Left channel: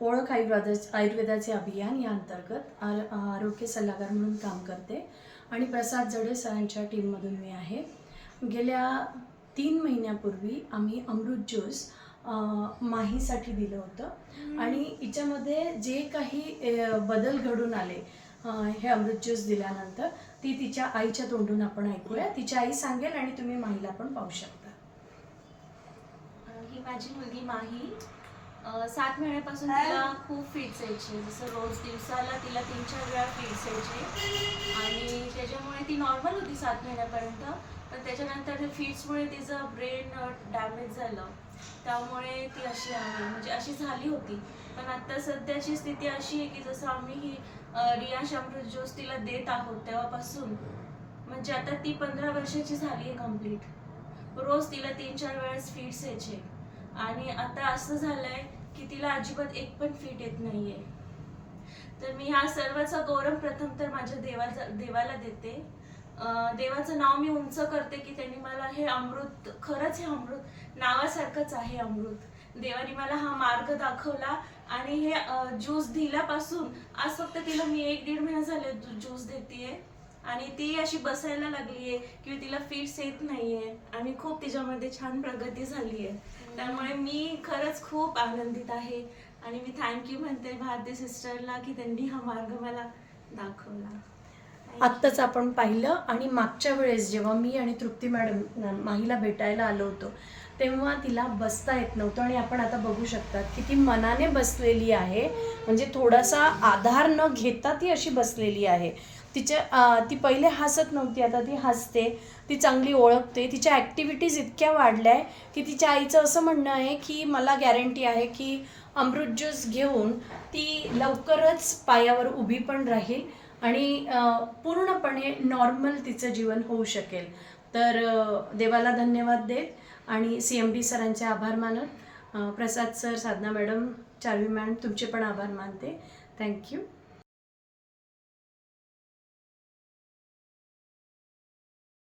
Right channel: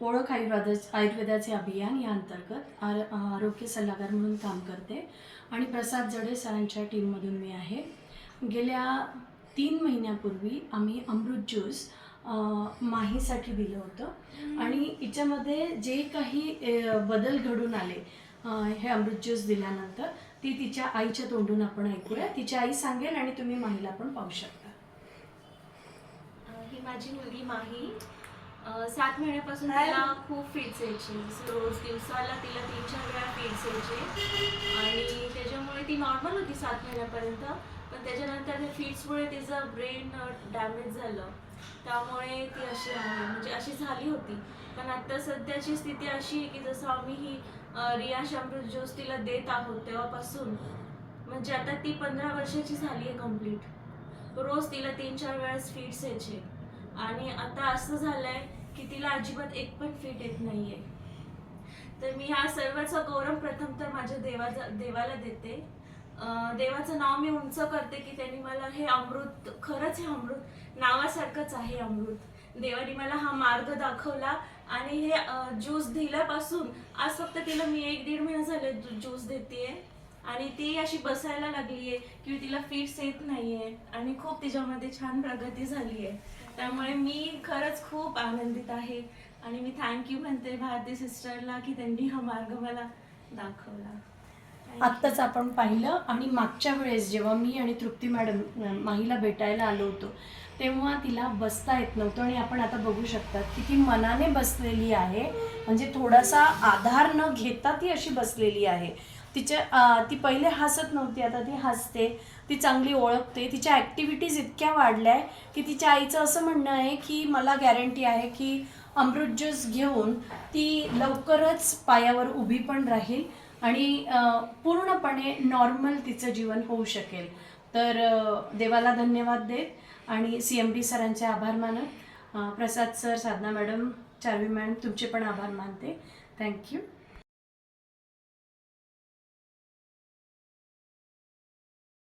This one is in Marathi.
ओळख आयुर्वेदाचे अभियान या अंतर्गत आरोग्य सल्लागार म्हणून काम करते आणि प्रसाद जडे सरांच्या टीममधून मी आहे. गेल्या 3 महिन्यापूर्वी आम्ही अमृत ज्यूस माहीसाठी दिलं होतं आणि हिच्यामध्ये जे काही बदल घडून आले हे अमृत ज्यूस दिल्यानंतर ती तिच्या आईच्या तोंडून आपण ऐकूया. तिची आई सांगेल आणि तुम्ही माहीला पण पाहू शकता. ही माझी मुलगी माही 7 महिन्यापासून तिला खूप फिट्स यायचे. जसं रोज दिवसाला तिला 3-4 वेळा फिट्स यायचे आणि त्याच्यामुळे ती नॉर्मल होती 7 महिन्यापर्यंत. पण त्याच्यानंतर फिट्समुळे तिचं ब्रेन डॅमेज झालं, त्यामुळे ती अशी आहे, म्हणजे अशी झाली होती. पण आता सध्याची स्थिती अशी आहे की जसं आम्ही ही रियाश अमृत ज्यूस तिला देत आहोत तेव्हापासून, म्हणजे आता ती 15 वर्षाची झाली आहे कंप्लीट. रोज तिला 3-4 वेळेस फिट्स यायचे आणि आता असं झालंय की तिला अजिबात एक पण फिट येत नाहीये. तर मी ह्या सर्वाचा गौरव प्रथम तर माझ्या देवाला देते. देवाचं नाव मी उंच करते की त्यांनी मला हे अमृत, खरंच हे अमृत नावासारखंच आहे अमृत. देवाने मला हा मार्ग दाखवला आणि हे ज्यूस दिल्यापासून आज फक्त तिला मी 1-1.5 महिना झाले ज्यूस देतेय आणि ती अशी बसायला लागलीये की तिला फिट्स येत नाहीये आणि खूप तिच्यामध्ये छान प्रगती झाली आहे. त्यामुळे मी खरंच खूप आनंदित आहे आणि मी थँक्यू म्हणते भारती सिस्टरला की त्यांनी हा मार्ग मला दाखवला. आत्ताच आपण पाहिलं आणि मागच्या वेळेस जेव्हा मी आणि तृप्ती मॅडम माहीला भेटायला आलो होतो तेव्हा तिला बसता येत नव्हतं आणि आपण आता बघू शकतात की ती मनाने बसलेली आहे, म्हणजे थोडासा आधार न घेता ती अशी बसलेली आहे. ती पहिले हसत नव्हती, आता ती हसते, ती चांगली ओळखते, तिच्या ॲक्टिव्हिटीज इतक्या वाढल्या आहे की तिच्या आईचं असं म्हणणं आहे की मला गॅरंटी आहे की अमृत ज्यूस घेऊन ती लवकरच पायावर उभी पण राहील आणि पूर्णपणे नॉर्मल तिचं जीवन होऊ शकेल. तर देवाला धन्यवाद देत आणि CMD सरांचे आभार मानत, प्रसाद सर, साधना मॅडम, चार्वी मॅडम तुमचे पण आभार मानते. थँक्यू.